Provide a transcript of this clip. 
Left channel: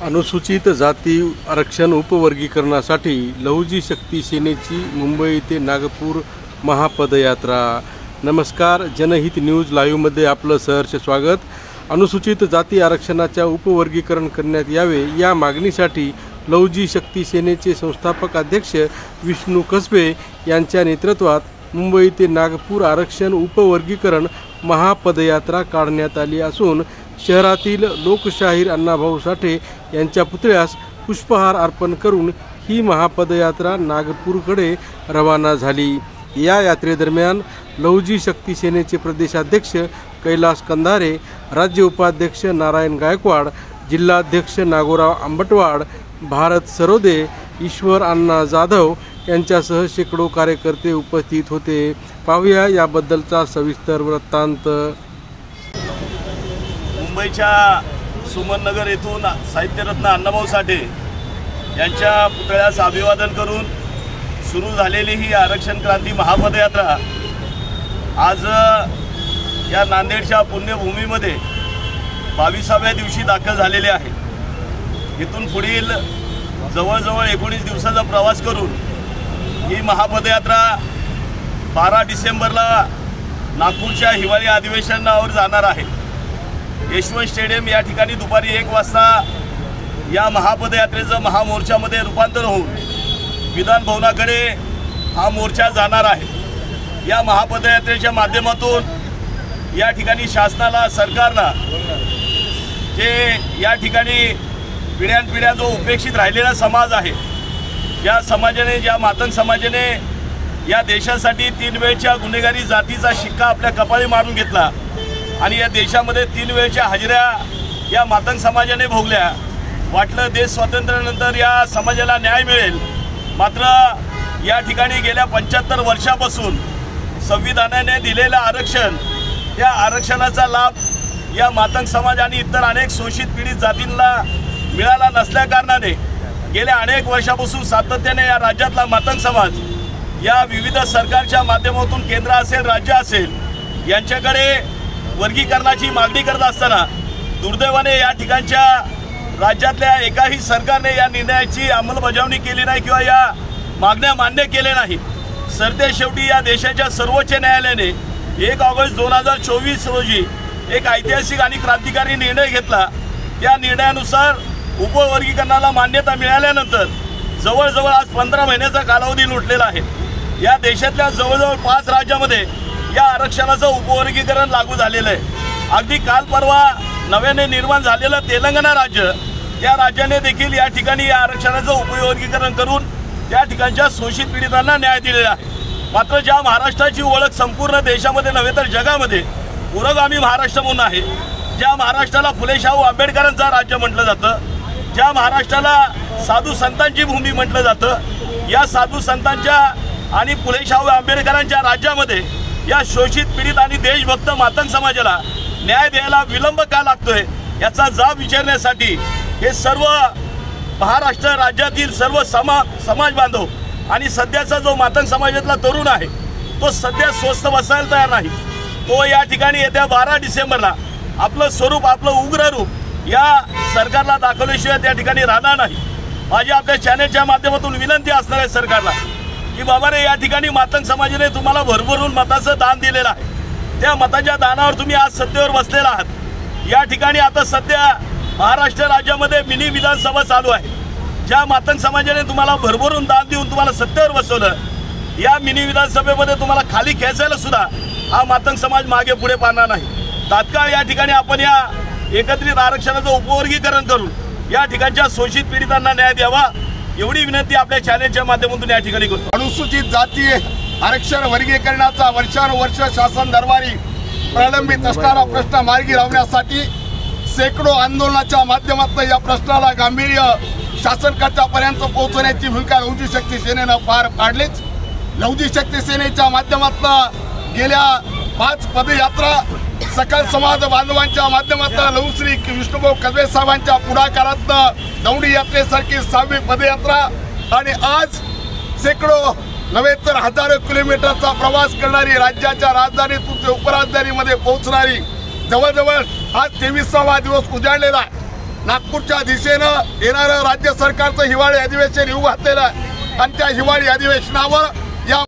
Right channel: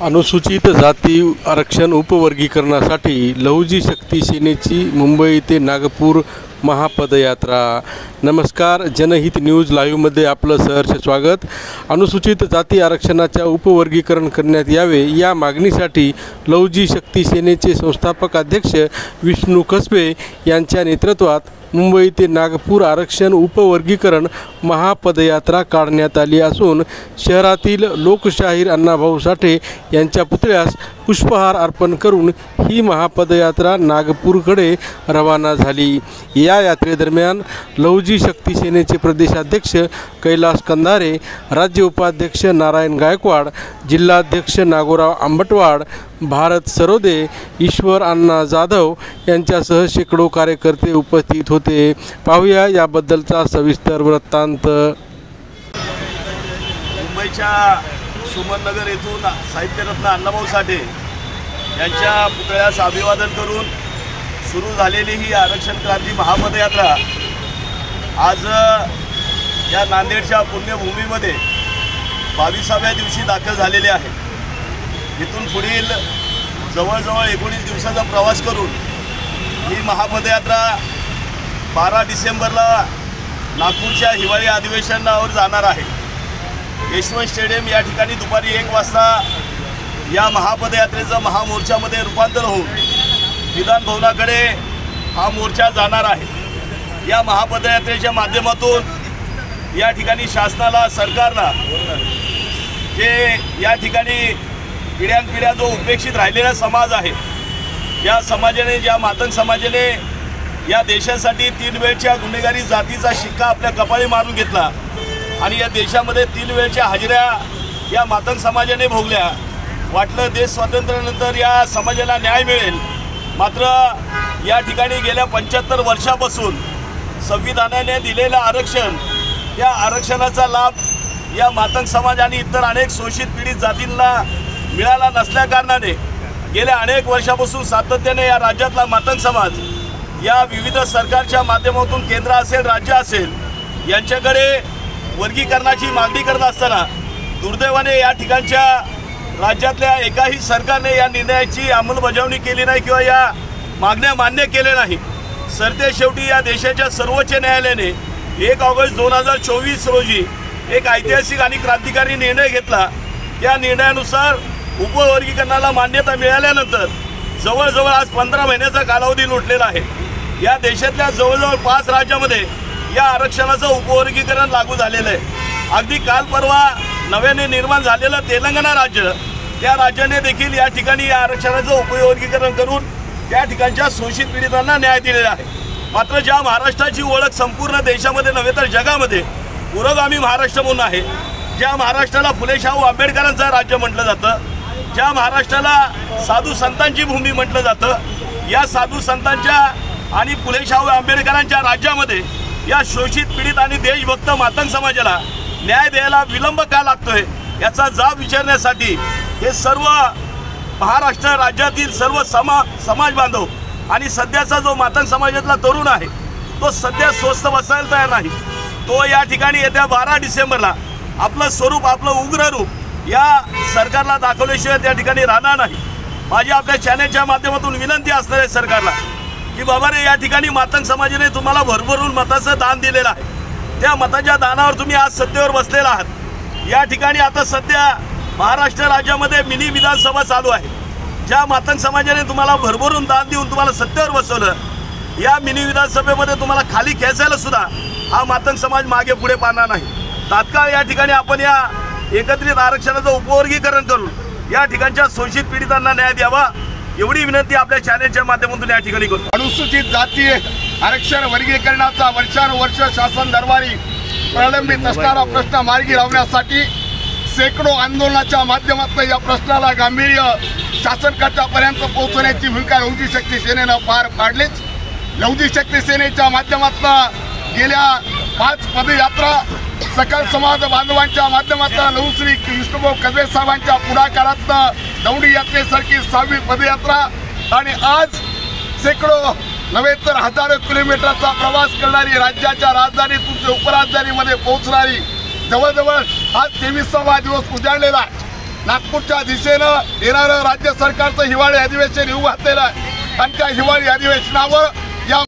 अनुसूचित जाती आरक्षण उपवर्गीकरणासाठी लहुजी शक्ती सेनेची मुंबई ते नागपूर महापदयात्रा। नमस्कार, जनहित न्यूज लाईव्हमध्ये आपलं सहर्ष स्वागत। अनुसूचित जाती आरक्षणाच्या उपवर्गीकरण करण्यात यावे या मागणीसाठी लहुजी शक्ती सेनेचे संस्थापक अध्यक्ष विष्णू कसबे यांच्या नेतृत्वात मुंबई ते नागपूर आरक्षण उपवर्गीकरण महापदयात्रा काढण्यात आली असून शहरातील लोकशाहीर अण्णाभाऊ साठे यांच्या पुतळ्यास पुष्पहार अर्पण करून ही महापदयात्रा नागपूरकडे रवाना झाली। या यात्रेदरम्यान लहुजी शक्ती सेनेचे प्रदेशाध्यक्ष कैलास कंधारे, राज्य उपाध्यक्ष नारायण गायकवाड, जिल्हाध्यक्ष नागोराव आंबटवाड, भारत सरोदे, ईश्वर अण्णा जाधव यांच्यासह शेकडो कार्यकर्ते उपस्थित होते। पाहूया याबद्दलचा सविस्तर वृत्तांत। मुंबईच्या सुमननगर येथून साहित्यरत्न अण्णाभाऊ साठे यांच्या पुतळ्यास अभिवादन करून सुरू झालेली ही आरक्षण क्रांती महापदयात्रा आज या नांदेडच्या पुण्यभूमीमध्ये 22व्या दिवशी दाखल झालेली आहे। इथून पुढील जवळजवळ 19 दिवसाचा प्रवास करून ही महापदयात्रा 12 डिसेंबरला नागपूरच्या हिवाळी अधिवेशनावर जाणार आहे। यशवंत स्टेडियम या ठिकाणी दुपारी 1 वाजता या महापदयात्रेचं महामोर्चामध्ये रूपांतर होऊन विधान भवनाकडे हा मोर्चा जाणार आहे। या महापदयात्रेच्या माध्यमातून या ठिकाणी शासनाला, सरकारला जे या ठिकाणी पिढ्यानपिढ्या जो उपेक्षित राहिलेला समाज आहे, ज्या समाजाने, ज्या मातंग समाजाने या देशासाठी 3 वेळच्या गुन्हेगारी जातीचा शिक्का आपल्या कपाळी मारून घेतला आणि या देशामध्ये 3 वेळच्या हाजऱ्या या मातंग समाजाने भोगल्या। वाटलं देश स्वातंत्र्यानंतर या समाजाला न्याय मिळेल, मात्र या ठिकाणी गेल्या 75 वर्षापासून संविधानाने दिलेलं आरक्षण, त्या आरक्षणाचा लाभ या मातंग समाज आणि इतर अनेक शोषित पीडित जातींना मिळाला नसल्याकारणाने गेल्या अनेक वर्षापासून सातत्याने या राज्यातला मातंग समाज या विविध सरकारच्या माध्यमातून, केंद्र असेल, राज्य असेल, यांच्याकडे वर्गीकरणाची मागणी करत असताना दुर्दैवाने या ठिकाणच्या राज्यातल्या एकाही सरकारने या निर्णयाची अंमलबजावणी केली नाही किंवा या मागण्या मान्य केल्या नाही। सरतेशेवटी या देशाच्या सर्वोच्च न्यायालयाने 1 ऑगस्ट 2024 रोजी एक ऐतिहासिक आणि क्रांतिकारी निर्णय घेतला। त्या निर्णयानुसार उपवर्गीकरणाला मान्यता मिळाल्यानंतर जवळजवळ आज 15 महिन्याचा कालावधी लुटलेला आहे। या देशातल्या जवळजवळ 5 राज्यामध्ये या आरक्षणाचं उपवर्गीकरण लागू झालेलं आहे। अगदी काल परवा नव्याने निर्माण झालेलं तेलंगणा राज्य, त्या राज्याने देखील या ठिकाणी या आरक्षणाचं उपवर्गीकरण करून त्या ठिकाणच्या शोषित पीडितांना न्याय दिलेला आहे। मात्र ज्या महाराष्ट्राची ओळख संपूर्ण देशामध्ये नव्हे तर जगामध्ये पुरोगामी महाराष्ट्र म्हणून आहे, ज्या महाराष्ट्राला फुले शाहू आंबेडकरांचं राज्य म्हटलं जातं, ज्या महाराष्ट्राला साधू संतांची भूमी म्हटलं जातं, या साधू संतांच्या आणि फुले शाहू आंबेडकरांच्या राज्यामध्ये या शोषित पीडित आणि देशभक्त मातंग समाजाला न्याय द्यायला विलंब का लागतोय याचा जाब विचारण्यासाठी हे सर्व महाराष्ट्र राज्यातील सर्व समाज बांधव आणि सध्याचा जो मातंग समाजातला तरुण आहे तो सध्या स्वस्थ बसायला तयार नाही। तो या ठिकाणी येत्या 12 डिसेंबरला आपलं स्वरूप, आपलं उग्र रूप या सरकारला दाखवल्याशिवाय त्या ठिकाणी राहणार नाही। माझी आपल्या चॅनेलच्या माध्यमातून विनंती असणार आहे सरकारला की बाबा रे, या ठिकाणी मातंग समाजाने तुम्हाला भरभरून मताचं दान दिलेलं आहे। त्या मताच्या दानावर तुम्ही आज सत्तेवर बसलेला आहात। या ठिकाणी आता सध्या महाराष्ट्र राज्यामध्ये मिनी विधानसभा चालू आहे। ज्या मातंग समाजाने तुम्हाला भरभरून दान देऊन तुम्हाला सत्तेवर बसवलं, या मिनी विधानसभेमध्ये तुम्हाला खाली खेचायला सुद्धा हा मातंग समाज मागे पुढे पाहणार नाही। तात्काळ या ठिकाणी आपण या एकत्रित आरक्षणाचं उपवर्गीकरण करून या ठिकाणच्या शोषित पीडितांना न्याय द्यावा, एवढी विनंती आपल्या चॅनेलच्या माध्यमातून या ठिकाणी करतो। अनुसूचित जाती आरक्षण वर्गीकरणाचा वर्षानुवर्ष शासन दरबारी प्रलंबित असणारा प्रश्न मार्गी लावण्यासाठी शेकडो आंदोलनाच्या माध्यमातून या प्रश्नाला गांभीर्य शासनापर्यंत पोहोचवण्याची भूमिका लहुजी शक्ती सेनेनं पार पाडलीच। लहुजी शक्ती सेनेच्या माध्यमातून गेल्या 5 पदयात्रा सकल समाज बांधवांच्या माध्यमातून लहुश्री विष्णूभाऊ कसबे साहेबांच्या पुढाकारातून दौंडी यात्रेसारखी 6वी पदयात्रा आणि आज शेकडो नव्हे तर हजारो किलोमीटरचा प्रवास करणारी, राज्याच्या राजधानीतून उपराजधानीमध्ये पोहोचणारी, जवळजवळ आज 23वा दिवस उजाडलेला आहे। नागपूरच्या दिशेनं येणारं राज्य सरकारचं हिवाळी अधिवेशन येऊ घातलेलं आहे. आणि त्या हिवाळी अधिवेशनावर